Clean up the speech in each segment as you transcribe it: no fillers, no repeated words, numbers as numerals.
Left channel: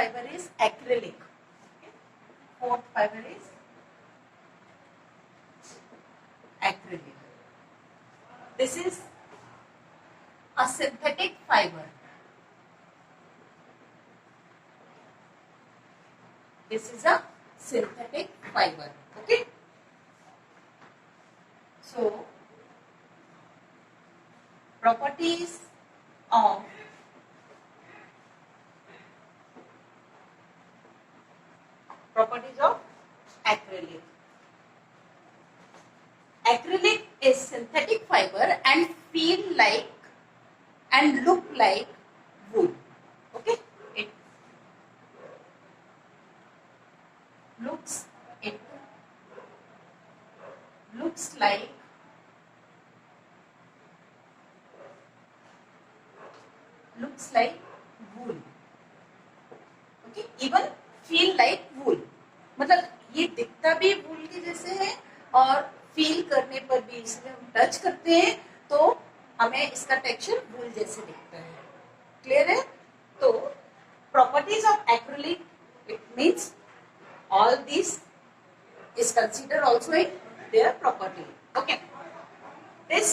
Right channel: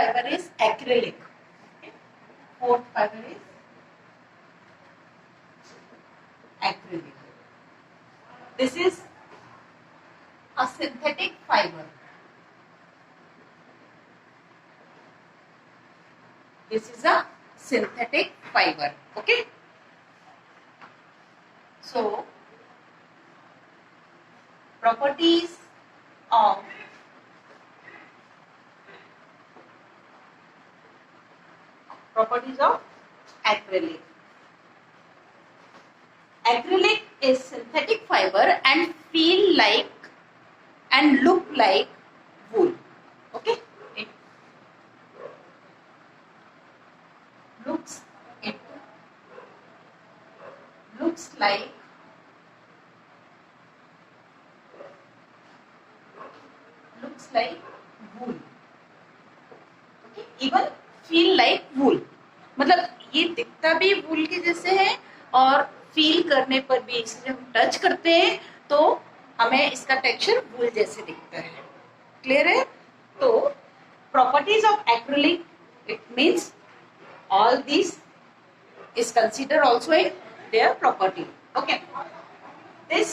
fiber is acrylic. Okay. Fourth fiber is acrylic. This is a synthetic fiber. This is a synthetic fiber. Okay. So, properties of acrylic. Acrylic is synthetic fiber and feel like and look like wool. Okay, it looks like wool. Okay, even feel like wool. मतलब ये दिखता भी वूल के जैसे है और फील करने पर भी इसे जब हम टच करते हैं तो हमें इसका टेक्सचर वूल जैसे दिखता है. क्लियर है? तो properties of acrylic, it means all these is considered also in their property. Okay, this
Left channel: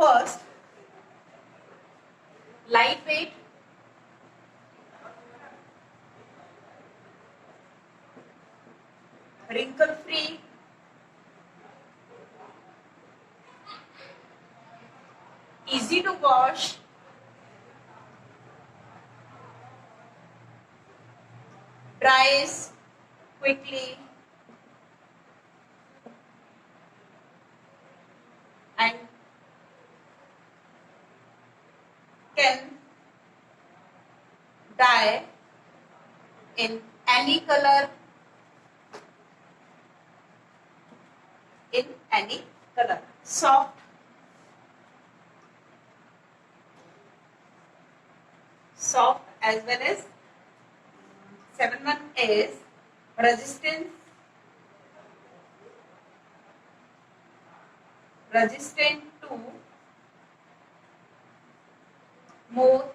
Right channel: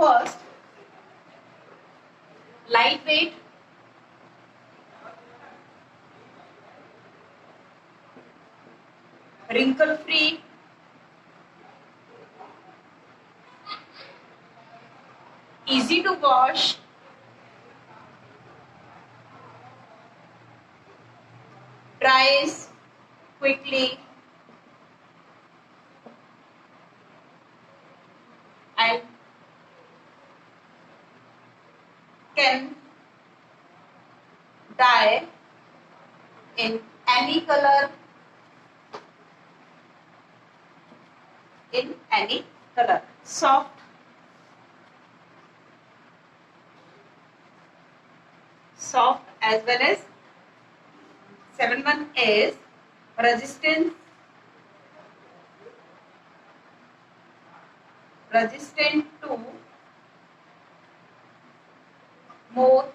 first, lightweight, wrinkle free, easy to wash, dries quickly, and can dye in any color, soft, as well as 7-1 is resistant to moth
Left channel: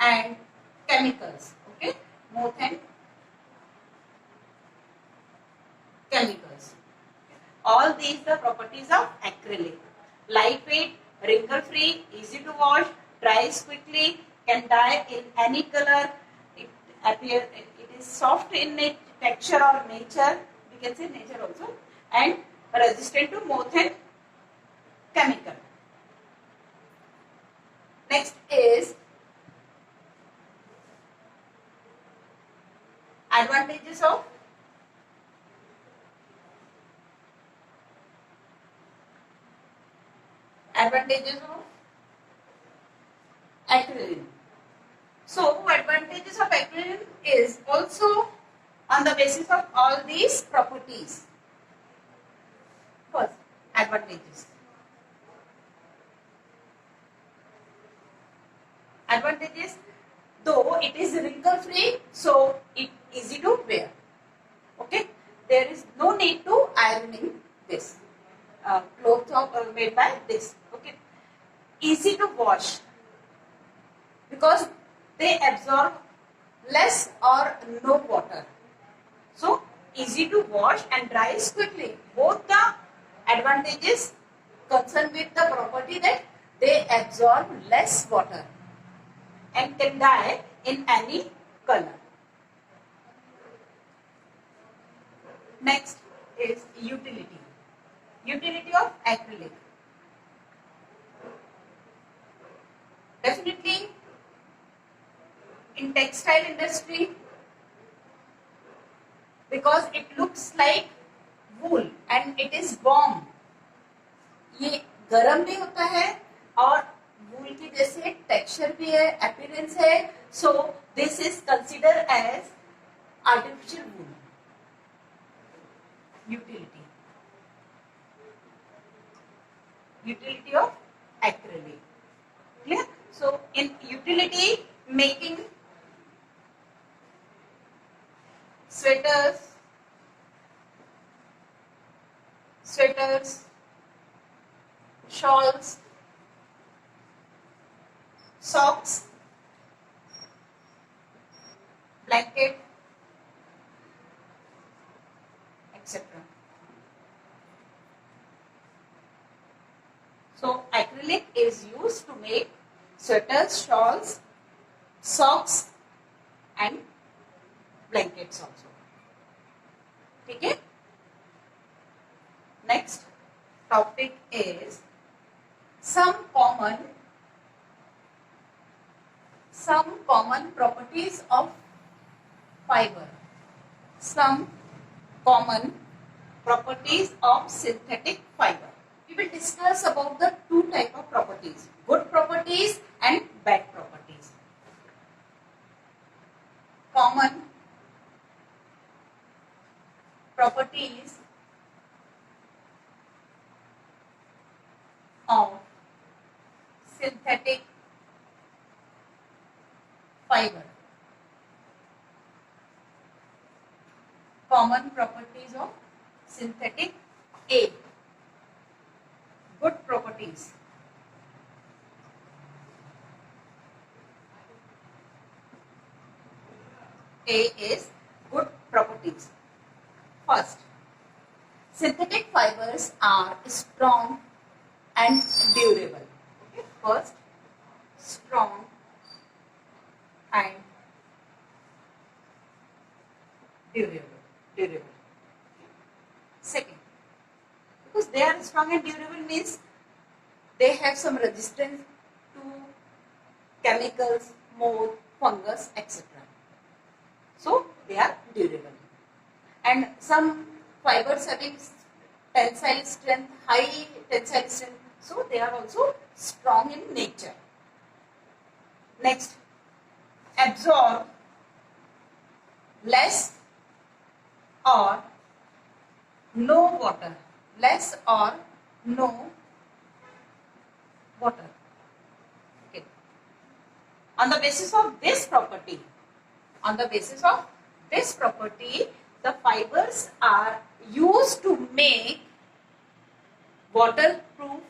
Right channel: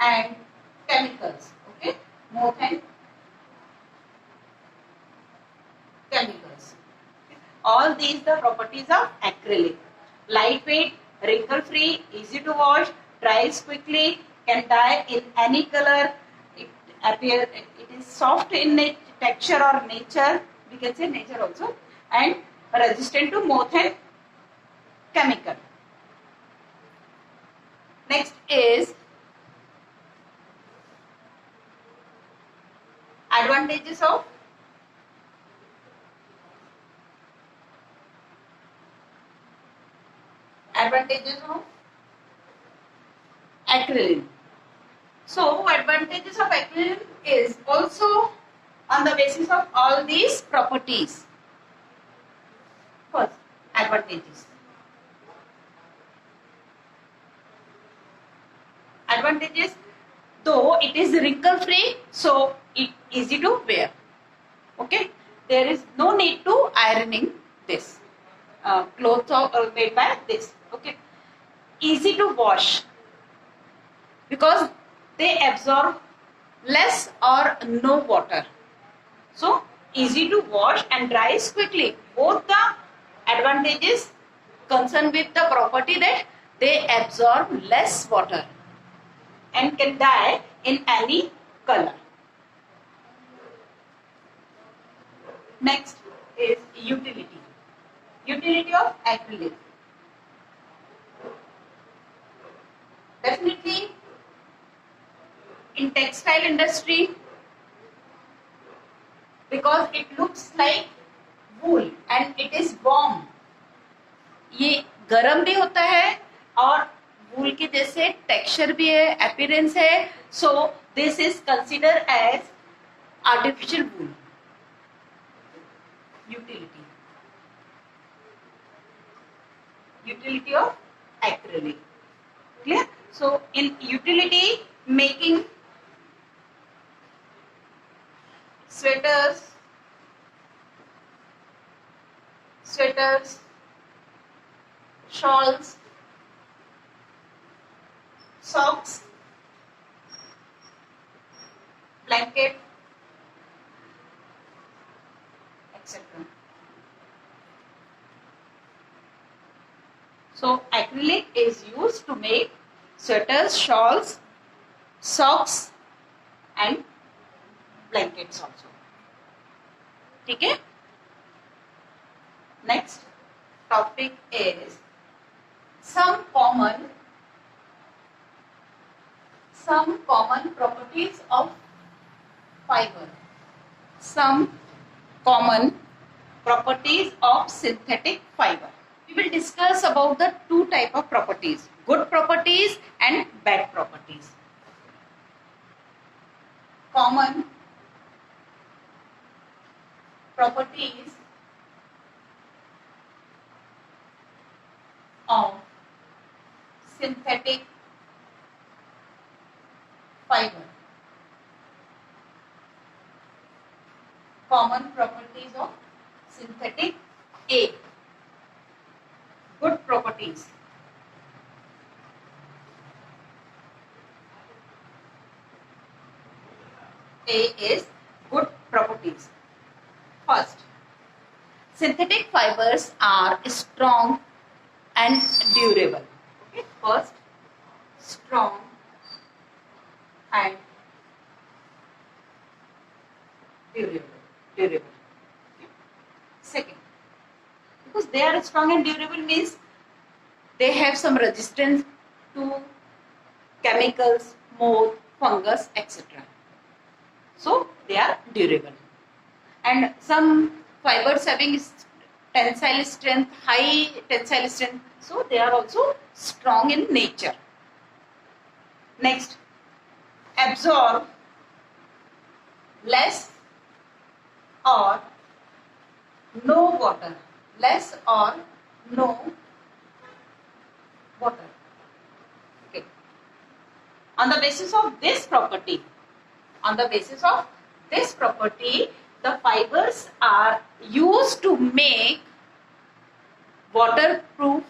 and chemicals. Okay, moth and chemicals. All these the properties of acrylic. Lightweight, wrinkle free, easy to wash, dries quickly, can dye in any color. It is soft in texture or nature, we can say nature also, and resistant to moth and chemical. Next is advantages of acrylic. So, advantages of acrylic is also on the basis of all these properties. First, advantages. Though it is wrinkle free, so it easy to wear. Okay, there is no need to ironing this. Clothes are made by this. Okay, easy to wash because they absorb less or no water. So easy to wash and dries quickly. Both the advantages concern with the property that they absorb less water and can dye in any color. Next is utility. Utility of acrylic. Definitely in textile industry, because it looks like wool and it is warm. ये गर्म भी होता है और वूल के जैसे टेक्सचर भी है, अपीयरेंस है. So this is consider as artificial wool. Utility of acrylic. Clear? So in utility, making sweaters, shawls, socks, blanket, etc. So acrylic is used to make sweaters, shawls, socks and blankets also. ठीक है? Next topic is some common properties of fiber. Some common properties of synthetic fiber. We will discuss about the two type of properties, good properties and bad properties. Common properties of synthetic fiber. Common properties of synthetic A. Good properties. A is good properties. First, synthetic fibers are strong and durable. Okay, first, strong and durable. Okay. Second, because they are strong and durable means they have some resistance to chemicals, mold, fungus, etc. So they are durable. And some fibers having tensile strength, high tensile strength, so they are also strong in nature. Next, absorb less or no water. Less or no water. Okay. On the basis of this property, the fibers are used to make waterproof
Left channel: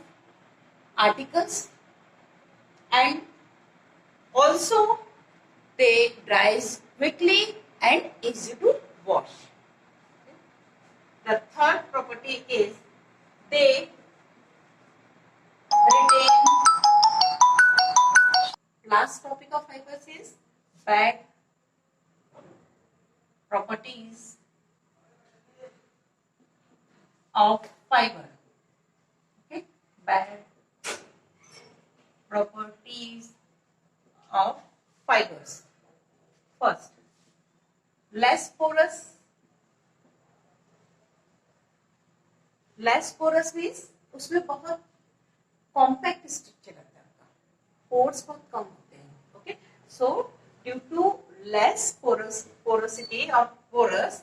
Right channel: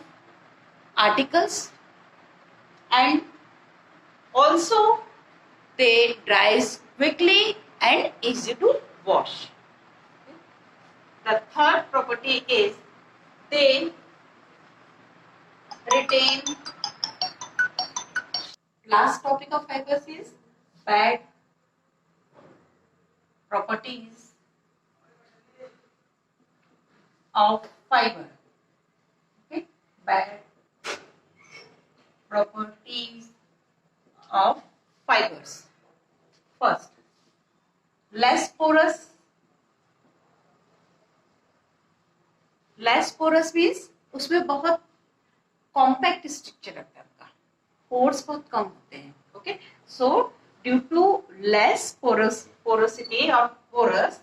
articles and also they dries quickly and easy to wash. The third property is they retain. Last topic of fibers is bad properties of fiber. Okay, bad properties of fibers. First, less porous. Less porous means उसमें बहुत compact structure रहता है, आपका पोर्स बहुत कम होते हैं. Okay, so due to less porosity or porous,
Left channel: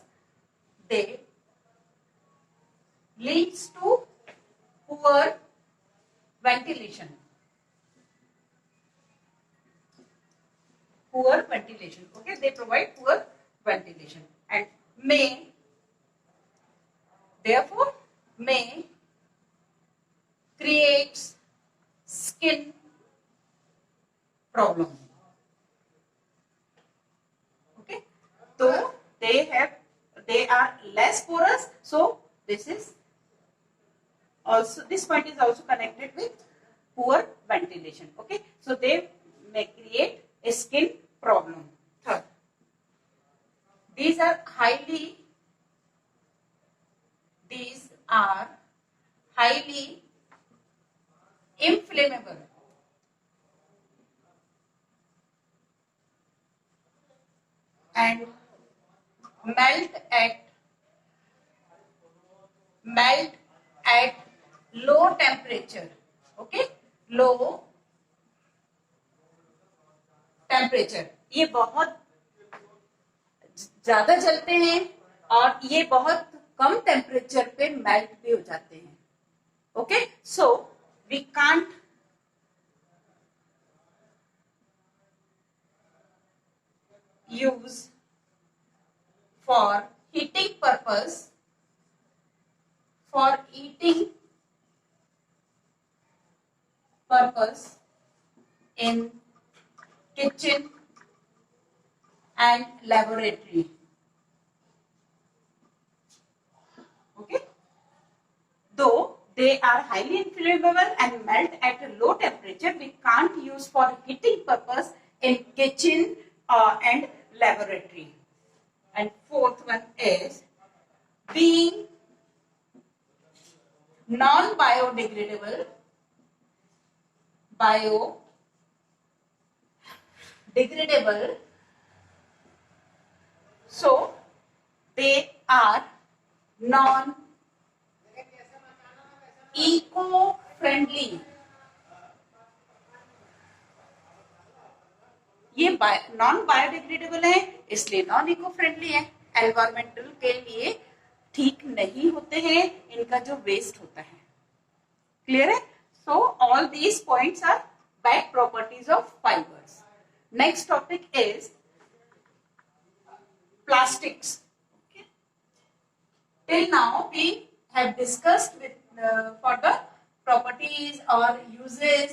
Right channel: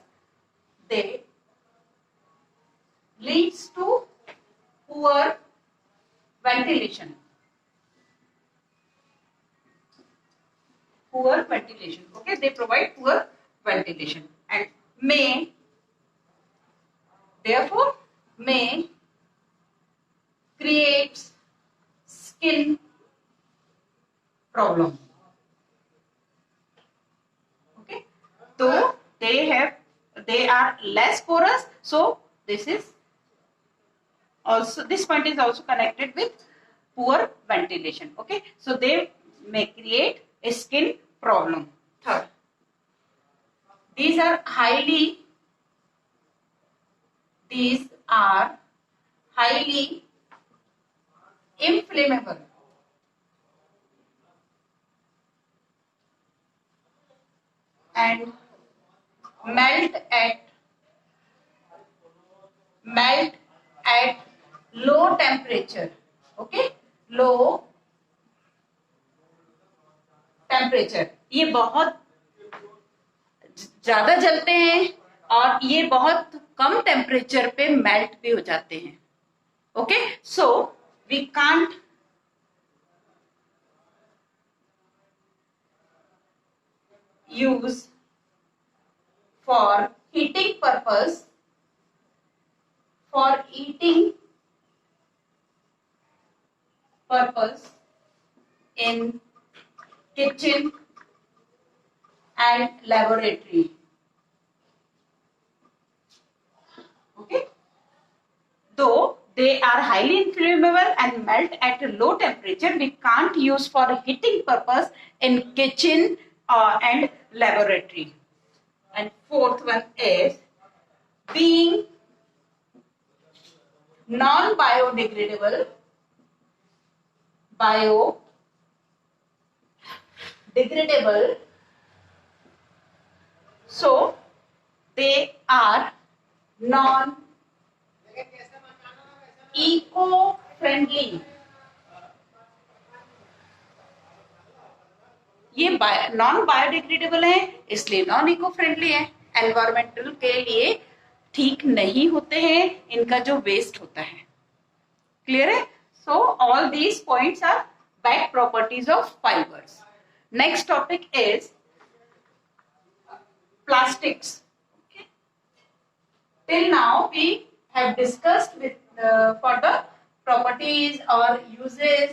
they leads to poor ventilation. Okay, they provide poor ventilation and therefore may creates skin problem. Okay, so they are less porous, so this point is also connected with poor ventilation. Okay, so they may create a skin problem. Third, these are highly inflammable and melt at low temperature. Okay, low temperature. ये बहुत ज्यादा जलते हैं और ये बहुत कम टेम्परेचर पे मेल्ट भी हो जाते हैं. Okay, so we can't use for heating purpose, for eating purpose in kitchen and laboratory. Okay, though they are highly inflammable and melt at a low temperature, we can't use for heating purpose in kitchen and laboratory. And fourth one is being non-biodegradable, biodegradable, so they are non-eco-friendly. ये non biodegradable है इसलिए non eco friendly है, एनवायरमेंटल के लिए ठीक नहीं होते हैं, इनका जो वेस्ट होता है. क्लियर है? So all these points are back properties of fibres. Next topic is plastics. Till now we have discussed with for the properties or uses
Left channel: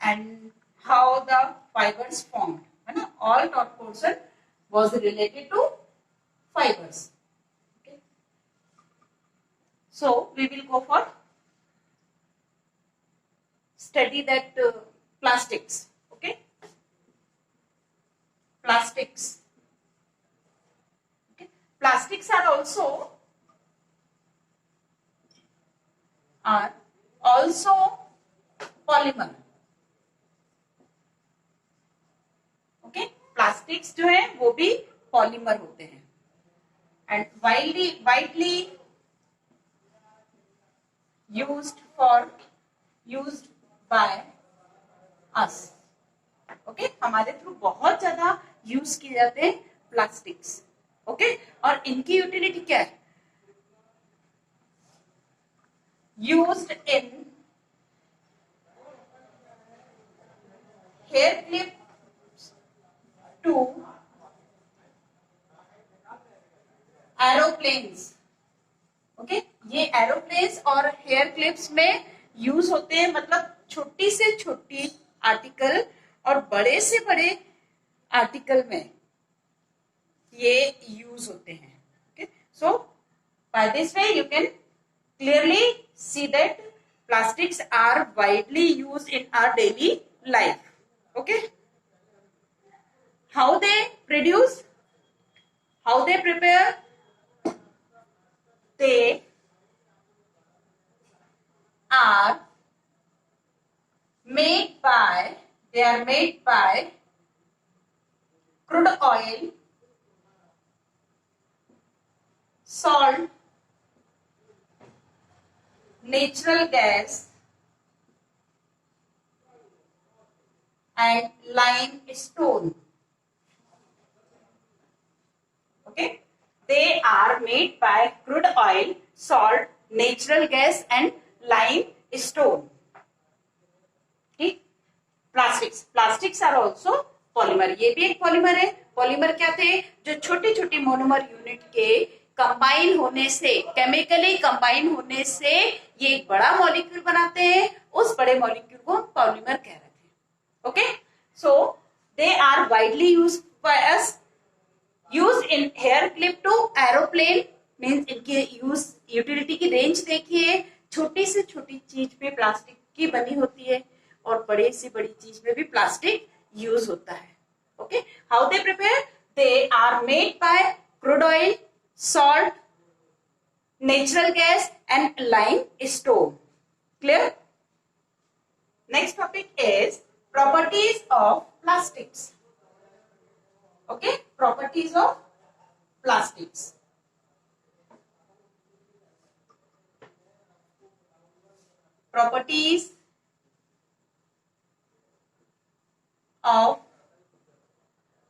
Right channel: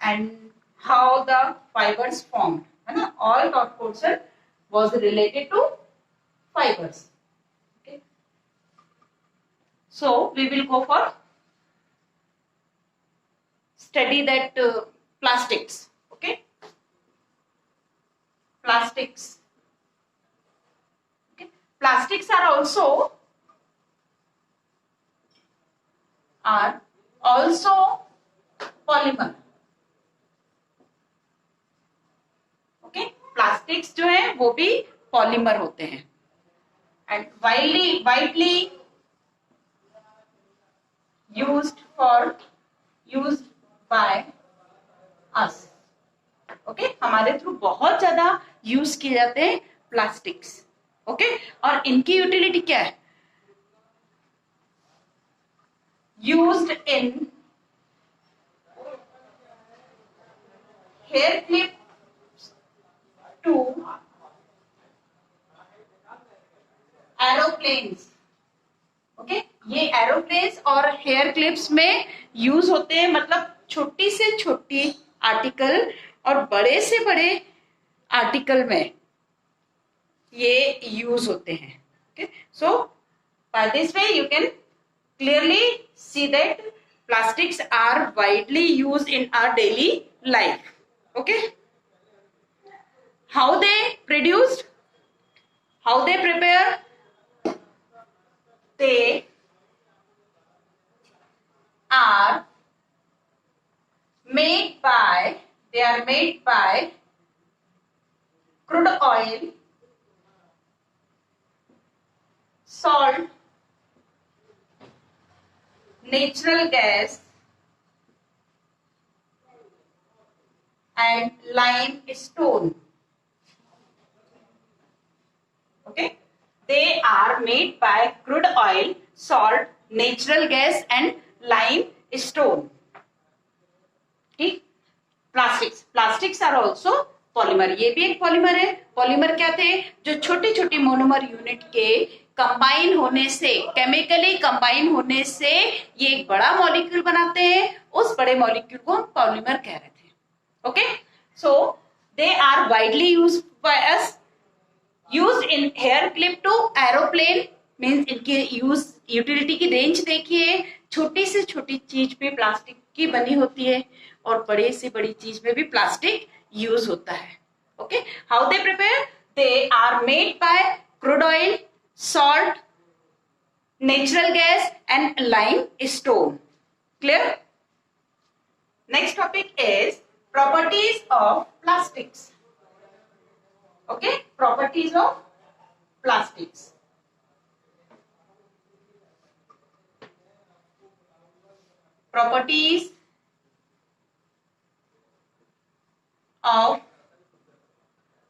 and how the fibers formed. है ना? All taught portion was related to fibers. Okay. So we will go for study that plastics. Okay. Plastics. Okay. Plastics are also polymer. Okay, plastics जो है वो भी पॉलीमर होते हैं and widely used by अस. ओके, हमारे थ्रू बहुत ज्यादा यूज किए जाते हैं प्लास्टिक्स. ओके, और इनकी यूटिलिटी क्या है? Used in hair clips to aeroplanes. Okay, ये एरोप्लेन्स और हेयर क्लिप्स में यूज होते हैं, मतलब छोटी से छोटी आर्टिकल और बड़े से बड़े आर्टिकल में ये यूज होते हैं. Okay, so by this way you can clearly see that plastics are widely used in our daily life. Okay, how they produced, how they prepare? They are made by crude oil, salt, natural gas and limestone. Okay, they are made by crude oil, salt, natural gas and limestone. ठीक, plastics are also polymer. ये भी एक पॉलीमर है. पॉलीमर क्या थे? जो छोटे छोटे मोनोमर यूनिट के कंबाइन होने से, केमिकली कंबाइन होने से ये एक बड़ा मॉलिक्यूल बनाते हैं. उस बड़े मॉलिक्यूल को हम पॉलीमर कह रहे थे. Okay, so they are widely used by us, used in hair clip to aeroplane. मींस इनकी यूटिलिटी की रेंज देखिए, छोटी से छोटी चीज पे प्लास्टिक की बनी होती है और बड़ी से बड़ी चीज में भी प्लास्टिक यूज होता है. Okay, how they prepare? They are made by crude oil, salt, natural gas and limestone. Clear? Next topic is properties of plastics. Okay, properties of plastics. Properties of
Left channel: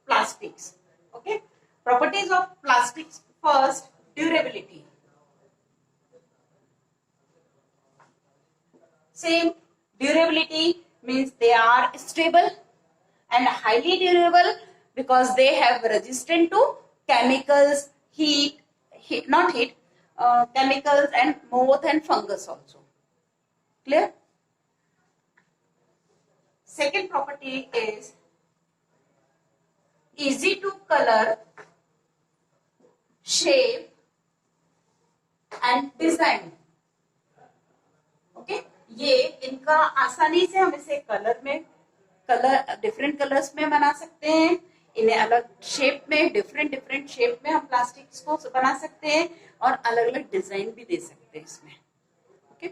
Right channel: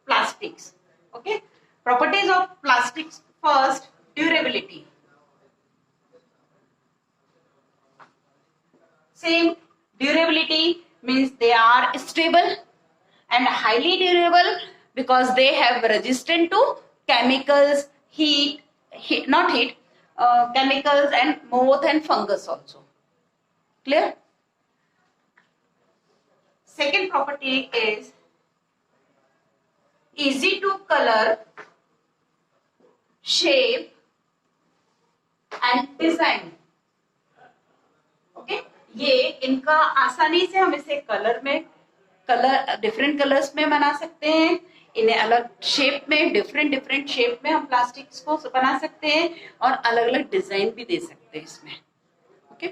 plastics. Okay, properties of plastics. First, durability. Same, durability means they are stable and highly durable because they have resistant to chemicals, chemicals and moth and fungus also. Clear? Second property is easy to color, shape and design. Okay, ये इनका आसानी से हम इसे colour different colours में बना सकते हैं, इन्हें अलग शेप में डिफरेंट शेप में हम प्लास्टिक्स को बना सकते हैं और अलग अलग डिजाइन भी दे सकते हैं इसमें. Okay,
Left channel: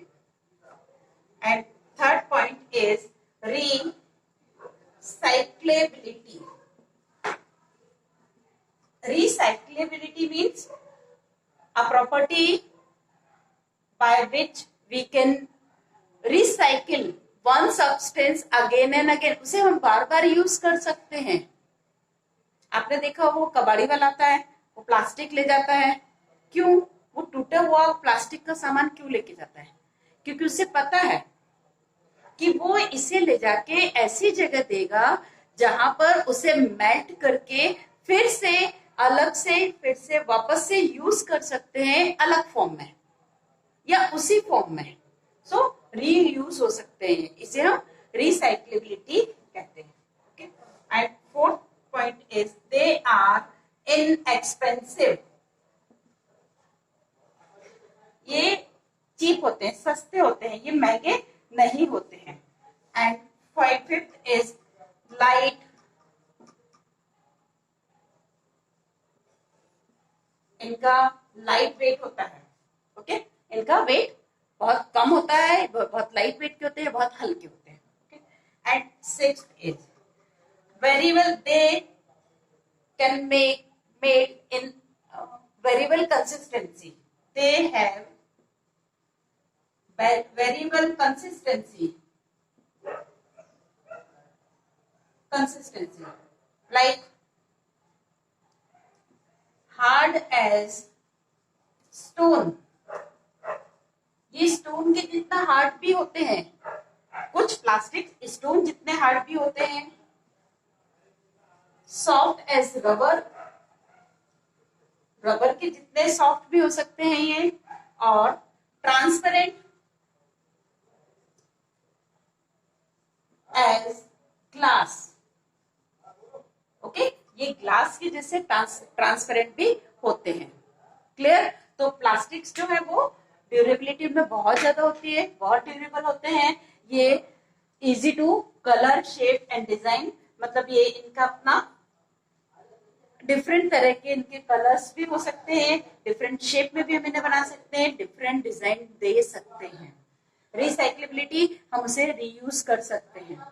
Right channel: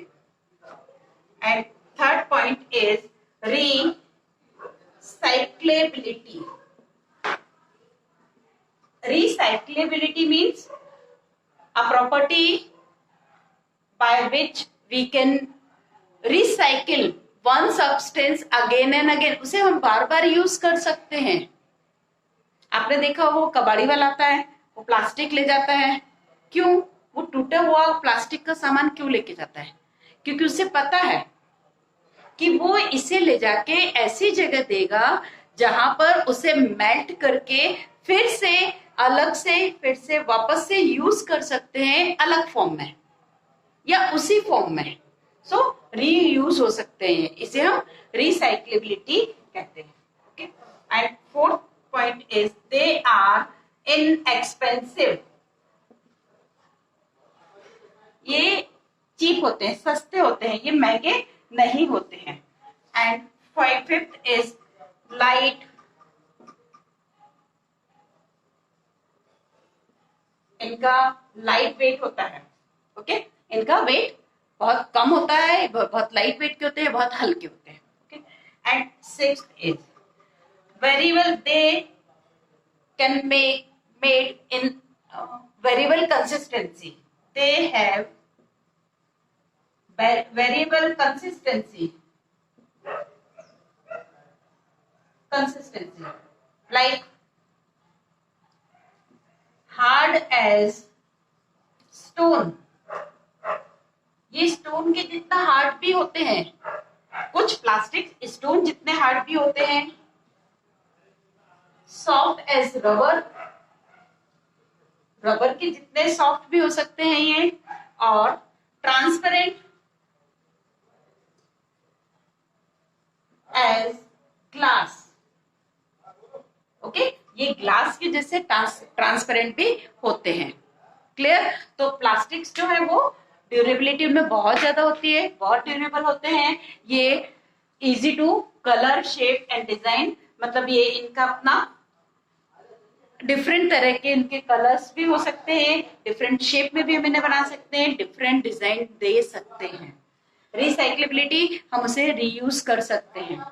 and third point is recyclability. Recyclability means a property by which we can recycle one substance again and again. उसे हम बार बार यूज कर सकते हैं. आपने देखा वो कबाड़ी वाला आता है, वो प्लास्टिक ले जाता है. क्यों? वो टूटा हुआ प्लास्टिक का सामान क्यों लेके जाता है? क्योंकि उसे पता है कि वो इसे ले जाके ऐसी जगह देगा जहां पर उसे मेल्ट करके फिर से वापस से यूज कर सकते हैं अलग फॉर्म में या उसी फॉर्म में. सो रीयूज हो सकते हैं, इसे हम रिसाइक्लेबिलिटी कहते हैं. Okay, and fourth point is they are inexpensive. ये चीप होते हैं, सस्ते होते हैं, ये महंगे नहीं होते हैं. And fifth is light. इनका लाइट वेट होता है. ओके, इनका वेट बहुत कम होता है, बहुत लाइट वेट के होते हैं, बहुत हल्के होते हैं. Okay, and sixth is variable. They can made in variable consistency. They have variable consistency like hard as stone. ये स्टोन के जितना हार्ड भी होते हैं. कुछ प्लास्टिक स्टोन जितने हार्ड भी होते हैं. सॉफ्ट एज रबर के जितने सॉफ्ट भी हो सकते हैं ये. और ट्रांसपेरेंट एज ग्लास. ओके, ये ग्लास के जैसे ट्रांसपेरेंट भी होते हैं. क्लियर? तो प्लास्टिक्स जो है वो ड्यूरेबिलिटी में बहुत ज्यादा होती है, बहुत ड्यूरेबल होते हैं. ये easy to colour, shape and design. मतलब ये इनका अपना डिफरेंट तरह के इनके कलर्स भी हो सकते हैं, डिफरेंट शेप में भी हम इन्हें बना सकते हैं, डिफरेंट डिजाइन दे सकते हैं. रिसाइक्लेबिलिटी, हम उसे रीयूज कर सकते हैं.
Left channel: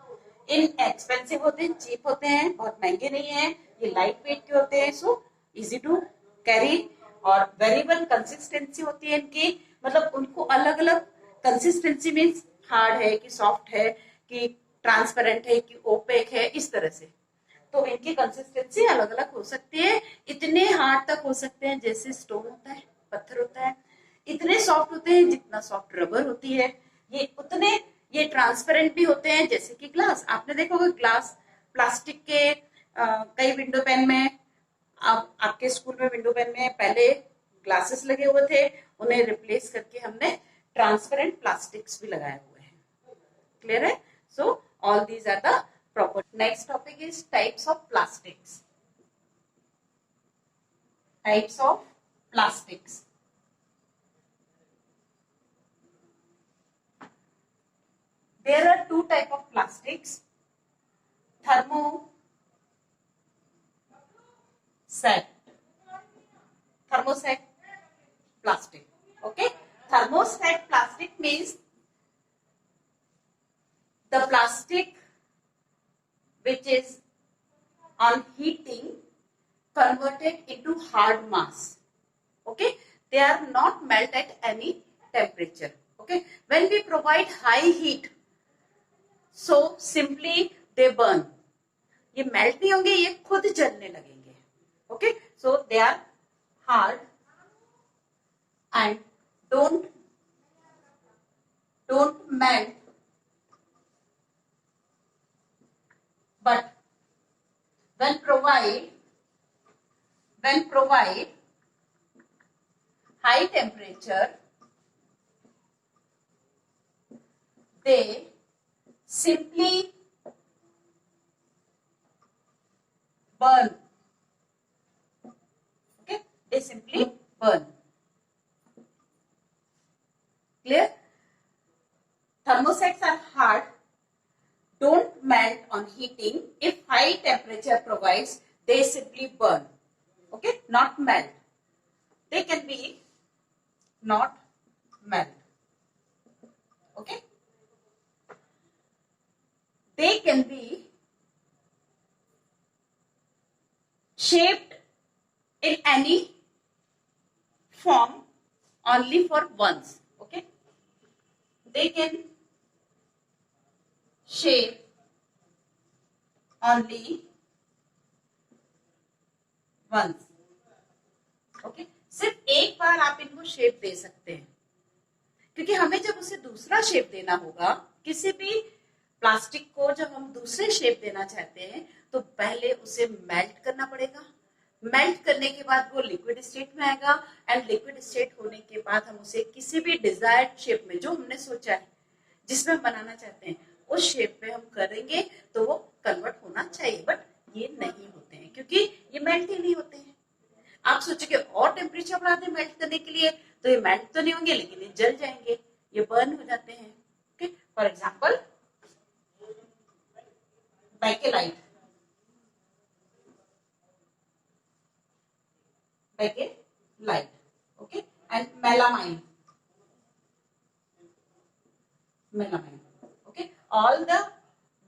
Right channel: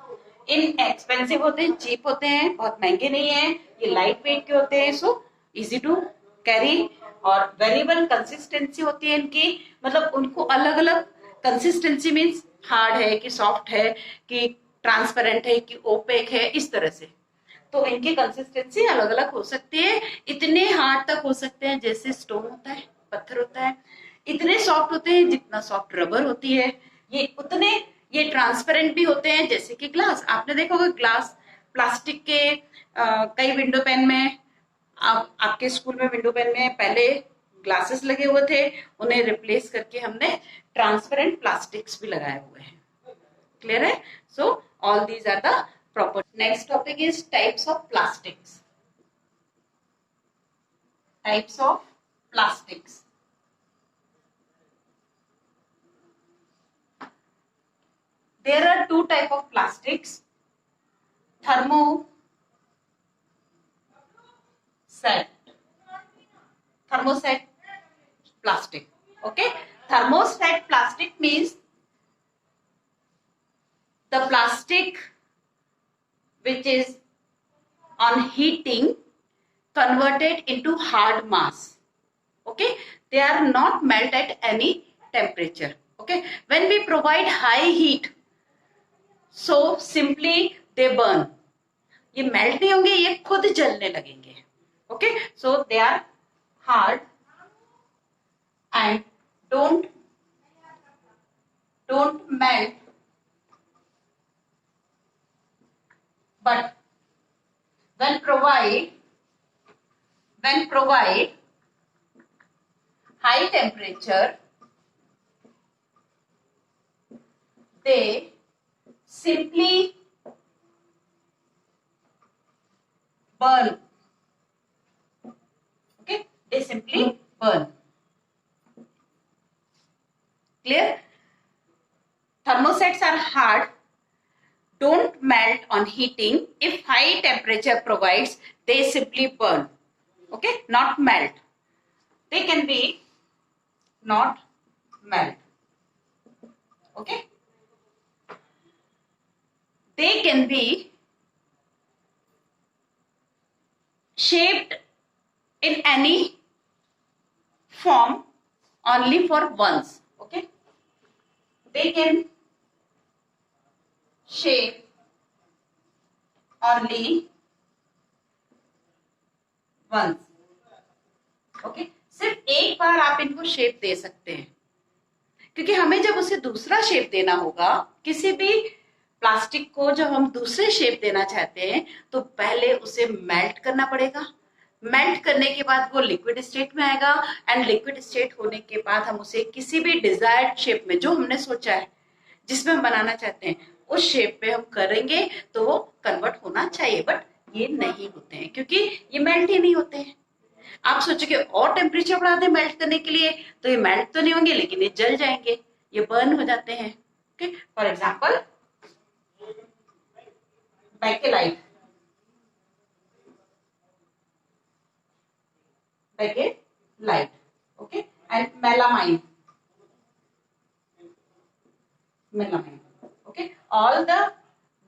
इनएक्सपेंसिव होते हैं, चीप होते हैं, बहुत महंगे नहीं है. ये लाइट वेट के होते हैं, सो इजी टू कैरी. और वेरिएबल कंसिस्टेंसी होती है इनकी, मतलब उनको अलग अलग कंसिस्टेंसी मीन्स हार्ड है कि सॉफ्ट है कि ट्रांसपेरेंट है कि ओपेक है, इस तरह से. तो इनकी कंसिस्टेंसी अलग अलग हो सकती है. इतने हार्ड तक हो सकते हैं जैसे स्टोन होता है, पत्थर होता है. इतने सॉफ्ट होते हैं जितना सॉफ्ट रबर होती है. ये ट्रांसपेरेंट भी होते हैं जैसे कि ग्लास. आपने देखा होगा ग्लास प्लास्टिक के कई विंडो पेन में, आपके स्कूल में विंडो पेन में पहले ग्लासेस लगे हुए थे, उन्हें रिप्लेस करके हमने ट्रांसपेरेंट प्लास्टिक्स भी लगाए हुए हैं. क्लियर है? So all these are the property. Next topic is types of plastics. Types of plastics. There are two type of plastics. Thermoset plastic. Okay, thermoset plastic means the plastic which is on heating converted into hard mass. Okay, they are not melt at any temperature. Okay, when we provide high heat, so simply they burn. ये मेल्ट नहीं होंगे, ये खुद जलने लगेंगे. Okay, so they are hard and don't melt, but when provide high temperature, they simply burn. Okay, they simply burn. Clear? Thermosets are hard, don't melt on heating. If high temperature provides, they simply burn. Okay, not melt. They can be not melt. Okay, they can be shaped in any form only for once. Okay, they can shape only once. Okay, सिर्फ एक बार आप इनको शेप दे सकते हैं, क्योंकि हमें जब उसे दूसरा शेप देना होगा, किसी भी प्लास्टिक को जब हम दूसरे शेप देना चाहते हैं तो पहले उसे मेल्ट करना पड़ेगा। मेल्ट करने के बाद वो लिक्विड स्टेट में आएगा, एंड लिक्विड स्टेट होने के बाद हम उसे किसी भी डिजायर्ड शेप में, जो हमने सोचा है, जिसमें हम बनाना चाहते हैं, उस शेप में हम करेंगे तो वो कन्वर्ट होना चाहिए। बट ये नहीं होते हैं क्योंकि ये मेल्ट ही नहीं होते हैं। आप सोचोगे और टेम्परेचर बढ़ा दें मेल्ट करने के लिए, तो ये मेल्ट तो नहीं होंगे, लेकिन ये जल जाएंगे, ये बर्न हो जाते हैं। Okay, for example Bakelite, Bakelite, okay, and melamine, melamine. Okay, all the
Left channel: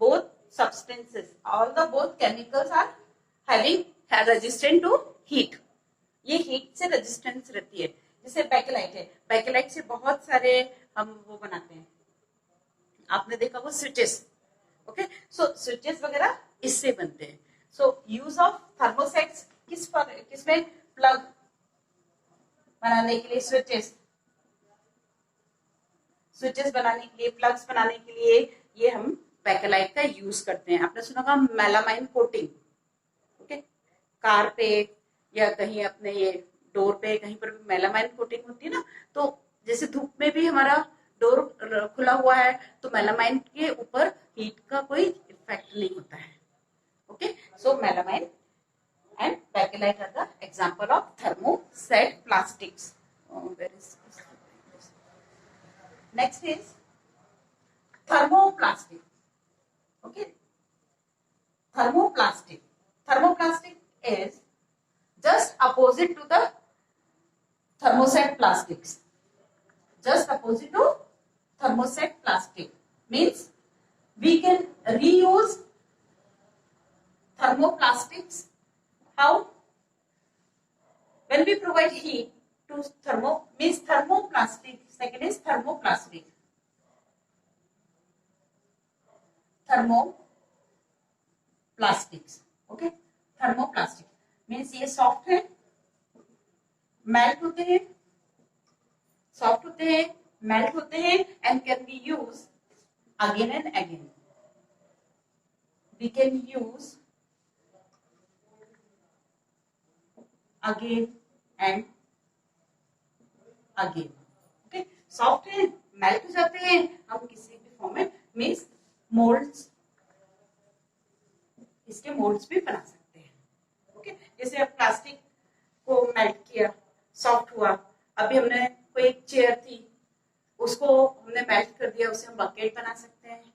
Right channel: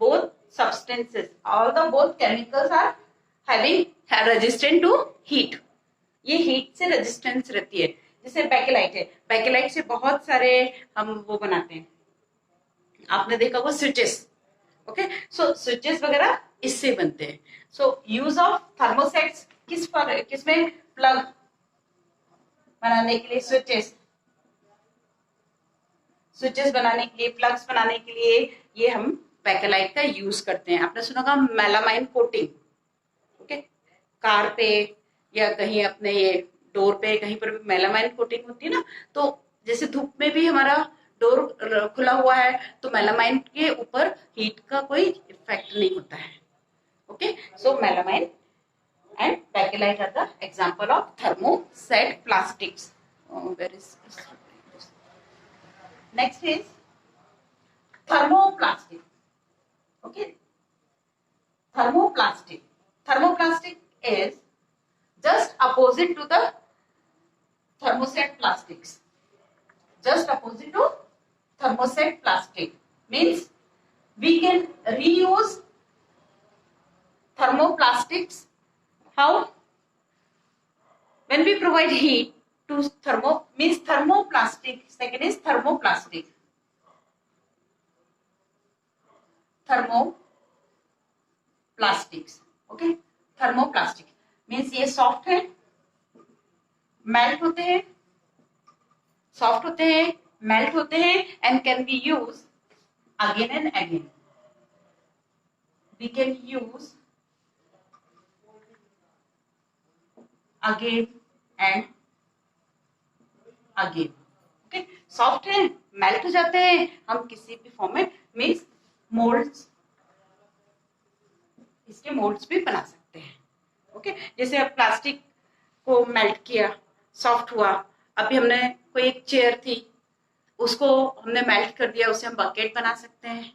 both substances, all the both chemicals are having resistant to heat. ये हीट से रेजिस्टेंस रहती है। जैसे बैकेलाइट है, बैकेलाइट से बहुत सारे हम वो बनाते हैं, आपने देखा वो स्विचेस। ओके, सो स्विचेस वगैरह इससे बनते हैं। सो यूज ऑफ थर्मोसेट्स किसमें, प्लग बनाने के लिए, स्विचेस बनाने के लिए, प्लग्स बनाने के लिए ये हम बैकेलाइट का यूज करते हैं। आपने सुना होगा मेलामाइन कोटिंग। ओके, कार पे या कहीं अपने ये डोर पे कहीं पर भी मेलामाइन कोटिंग होती है ना, तो जैसे धूप में भी हमारा डोर खुला हुआ है तो मेलामाइन के ऊपर हीट का कोई इफेक्ट नहीं होता है। Okay, so melamine and bakelite are the example of thermoset plastics. Next is thermoplastic. Okay, thermoplastic. Thermoplastic is just opposite to the thermoset plastics. Just opposite to thermoset plastic means we can reuse thermoplastics. How? When we provide heat to means thermoplastic. Second is thermoplastic. Thermoplastics. Okay, thermoplastic means ये सॉफ्ट है, मेल्ट होते हैं, सॉफ्ट होते हैं, मेल्ट होते हैं, and can be use again and again. We can use again and again. Okay, soft है, मेल्ट हो जाते हैं, हम किसी भी फॉर्म में मीन्स मोल्ड्स, इसके मोल्ड्स भी बना सकते हैं. ओके, जैसे अब प्लास्टिक को मेल्ट किया, सॉफ्ट हुआ, अभी हमने कोई एक चेयर थी उसको हमने मेल्ट कर दिया, उससे हम बकेट बना सकते हैं,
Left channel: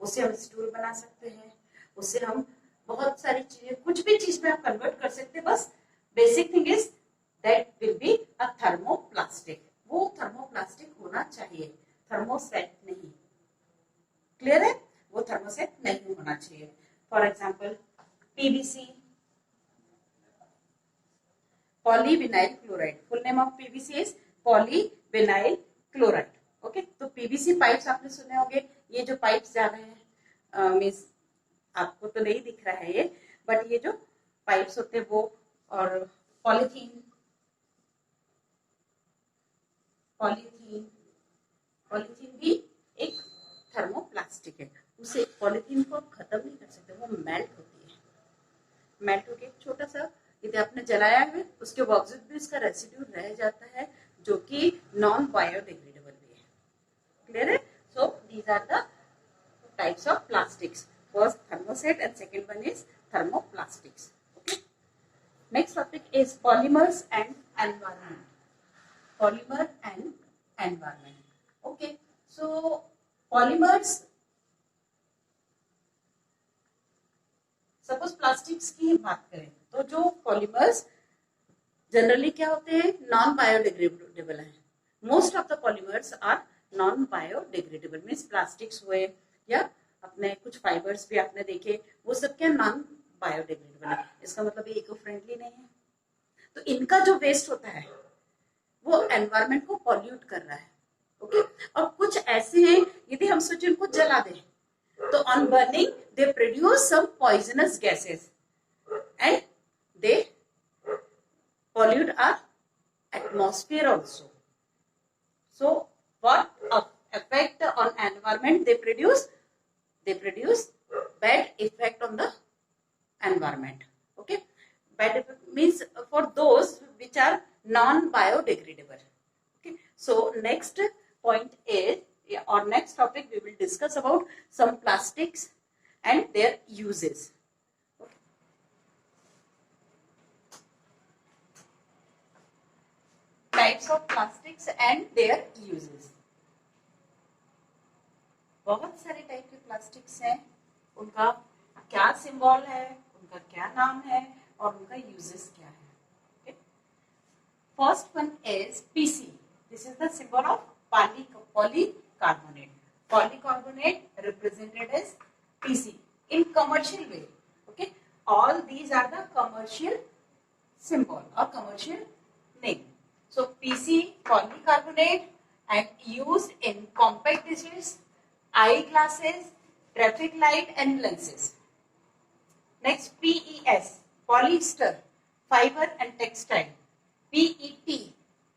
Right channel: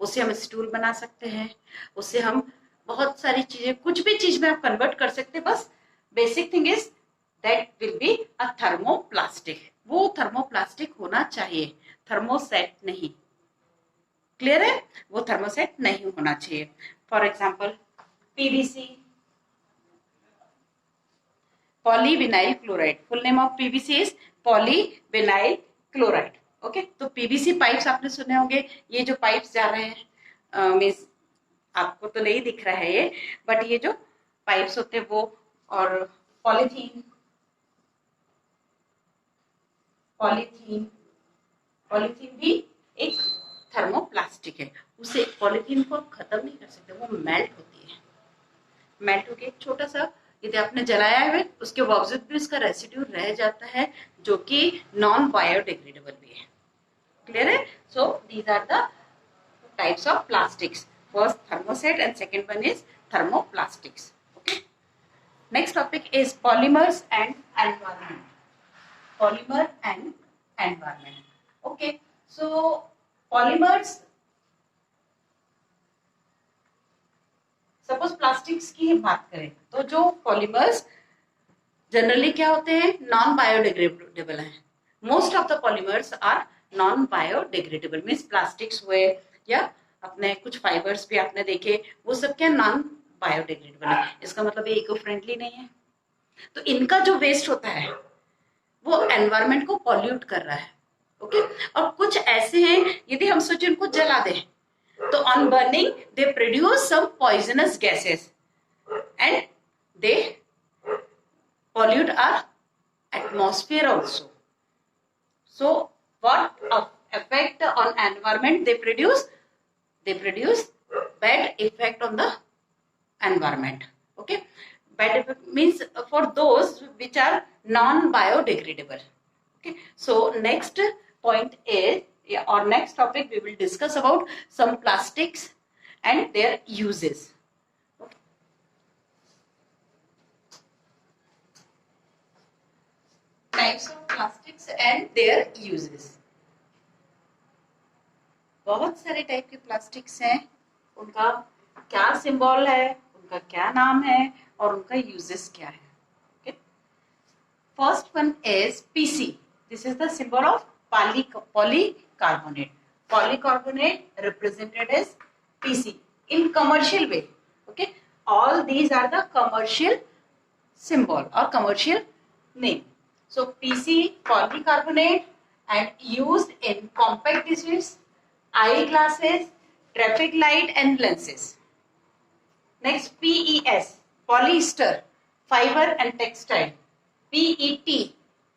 उससे हम स्टूल बना सकते हैं, उससे हम बहुत सारी चीजें, कुछ भी चीज में आप कन्वर्ट कर सकते हैं. बस basic thing is that will be a thermoplastic. वो थर्मोप्लास्टिक होना चाहिए, थर्मोसेट नहीं. क्लियर है? वो थर्मोसेट नहीं होना चाहिए. For example PVC, polyvinyl chloride. Full name of PVC is polyvinyl chloride. Okay, तो पीवीसी पाइप्स आपने सुने होंगे. ये जो पाइप्स जा रहे हैं, मीन्स आपको तो नहीं दिख रहा है ये, बट ये जो पाइप्स होते हैं वो, और पॉलीथीन, पॉलीथीन भी एक थर्मोप्लास्टिक है. उसे पॉलीथीन को आप खत्म नहीं कर सकते, वो मेल्ट होती है. मेल्ट होके एक छोटा सा, यदि आपने जलाया है उसके बावजूद भी उसका रेसिड्यू रह जाता है, जो कि नॉन बायोडिग्रेडेबल भी है. क्लियर है? So these are the types of plastics. First thermoset and second one is thermoplastics. Okay. Next topic is polymers and environment. Polymer and environment. Okay, so polymers, suppose plastics की बात करें तो जो polymers generally क्या होते हैं, non biodegradable हैं. Most of the polymers are non biodegradable. Means plastics हुए या अपने कुछ फाइबर्स भी आपने देखे, वो सब क्या नॉन बायोडिग्रेडेबल है. इसका मतलब ये इको फ्रेंडली नहीं है. तो इनका जो वेस्ट होता है वो एनवायरमेंट को पॉल्यूट कर रहा है. ओके, और कुछ ऐसे हैं यदि हम सोचे इनको जला दें तो on burning they produce some poisonous gases and they pollute our atmosphere also. So what effect on environment they produce? They produce bad effect on the environment. Okay, bad effect means for those which are non biodegradable. Okay, so next point is, or next topic we will discuss about some plastics and their uses. Types of plastics and their uses. बहुत सारे टाइप के प्लास्टिक्स हैं, उनका क्या सिंबल है, उनका क्या नाम है और उनका यूजेस क्या है. Okay, first one is PC. This is the symbol of polycarbonate. Polycarbonate represented as PC in commercial way. Okay, all these are the commercial symbol or commercial name. So PC, polycarbonate, and used in compact dishes, eyeglasses, traffic light and lenses. Next, PES, polyester, fiber and textile. PET,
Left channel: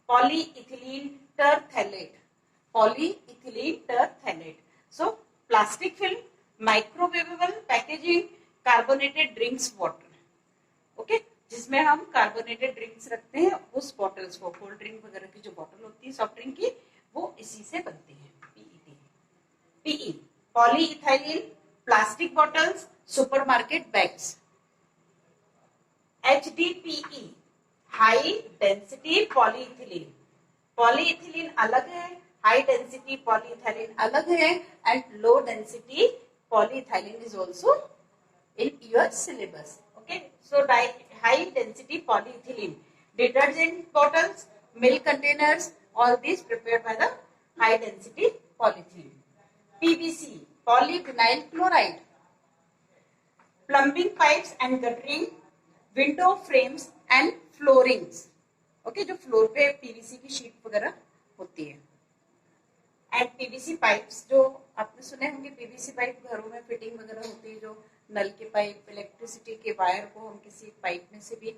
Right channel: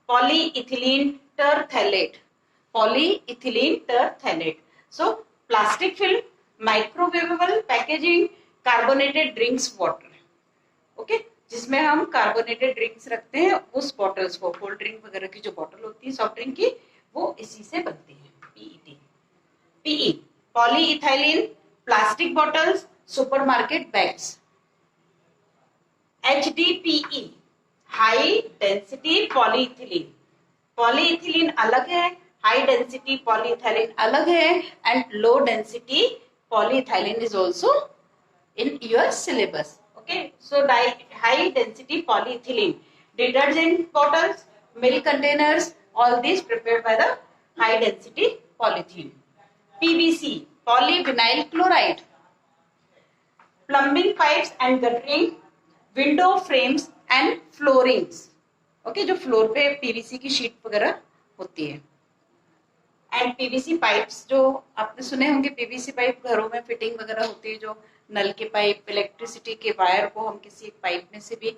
polyethylene terephthalate. Polyethylene terephthalate. So plastic film, microwavable packaging, carbonated drinks bottle. Okay, जिसमें हम carbonated drinks रखते हैं, उस बॉटल्स को, cold drink वगैरह की जो बॉटल होती है सॉफ्ट ड्रिंक की, वो इसी से बनती है. PET. PE, polyethylene plastic bottles, supermarket bags. HDPE, high density polyethylene. Polyethylene अलग है, हाई डेंसिटी पॉलीइथाइलिन अलग है, and low density polyethylene is also in your syllabus. Okay, so high density polyethylene, detergent bottles, milk containers, all these prepared by the high density polyethylene. PVC, polyvinyl chloride. Plumbing pipes and guttering, window frames and floorings. Okay, जो फ्लोर पे पीवीसी की शीट वगैरह होती है. And PVC pipes, जो आपने सुने होंगे, पीवीसी पाइप घरों में फिटिंग वगैरह होती है, जो नल के पाइप, इलेक्ट्रिसिटी के वायर को हम किसी एक पाइप में से भी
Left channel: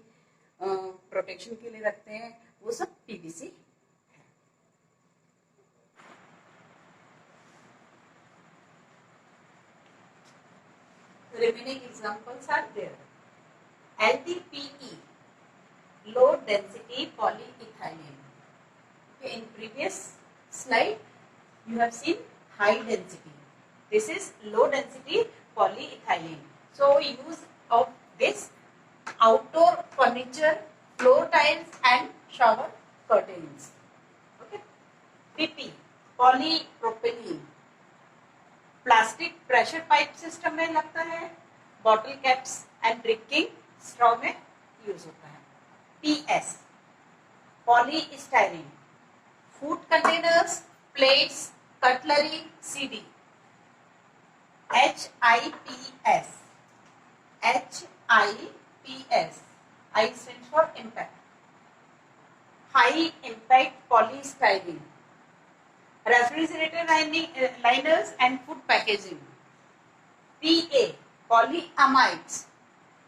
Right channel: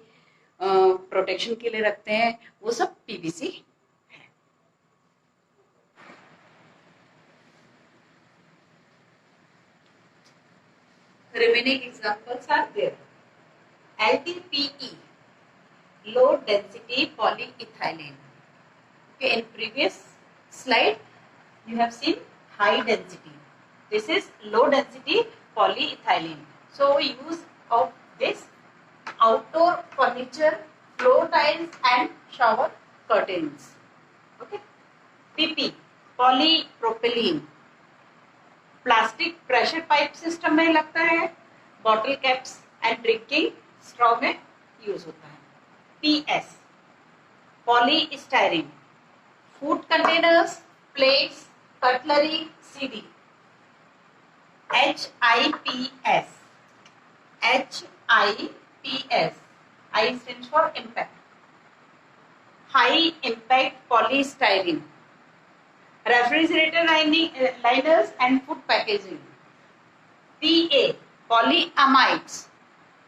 प्रोटेक्शन के लिए रखते हैं, वो सब पीवीसी है. Remaining examples are there. LDPE, low density polyethylene. Okay, in previous slide you have seen high density. This is low density polyethylene. So use of this outdoor furniture, floor tiles and shower curtains. Okay. PP, polypropylene. Plastic pressure pipe system में लगता है, bottle caps and drinking straw में यूज होता है. PS, polystyrene. Food containers, plates, cutlery, CD. HIPS. HIPS. I stands for impact. High impact polystyrene. Refrigerator liners and food packaging. PA, polyamides.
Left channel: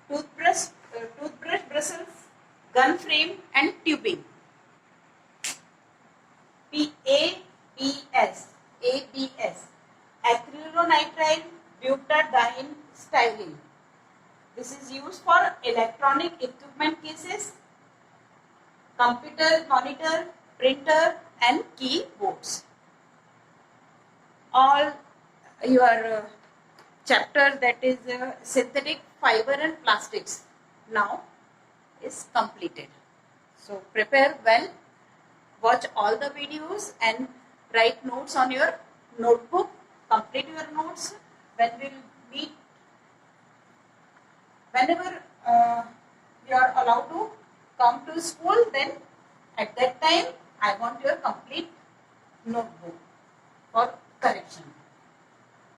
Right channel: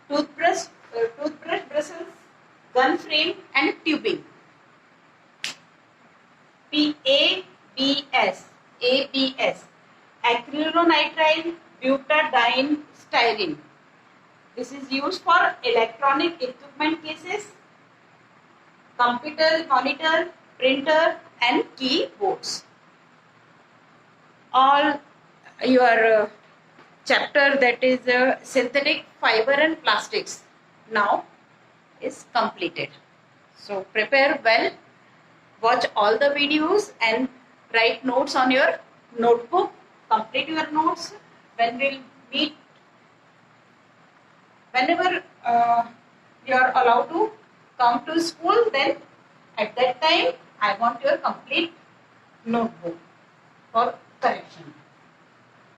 Toothbrush bristles, gun frame and tubing. ABS, acrylonitrile butadiene styrene. This is used for electronic equipment cases, computer monitor, printer and keyboards. All your chapter, that is synthetic fiber and plastics, now is completed. So prepare well, watch all the videos and write notes on your notebook. Complete your notes. When we'll meet, whenever you are allowed to come to school, then at that time I want your complete notebook for correction.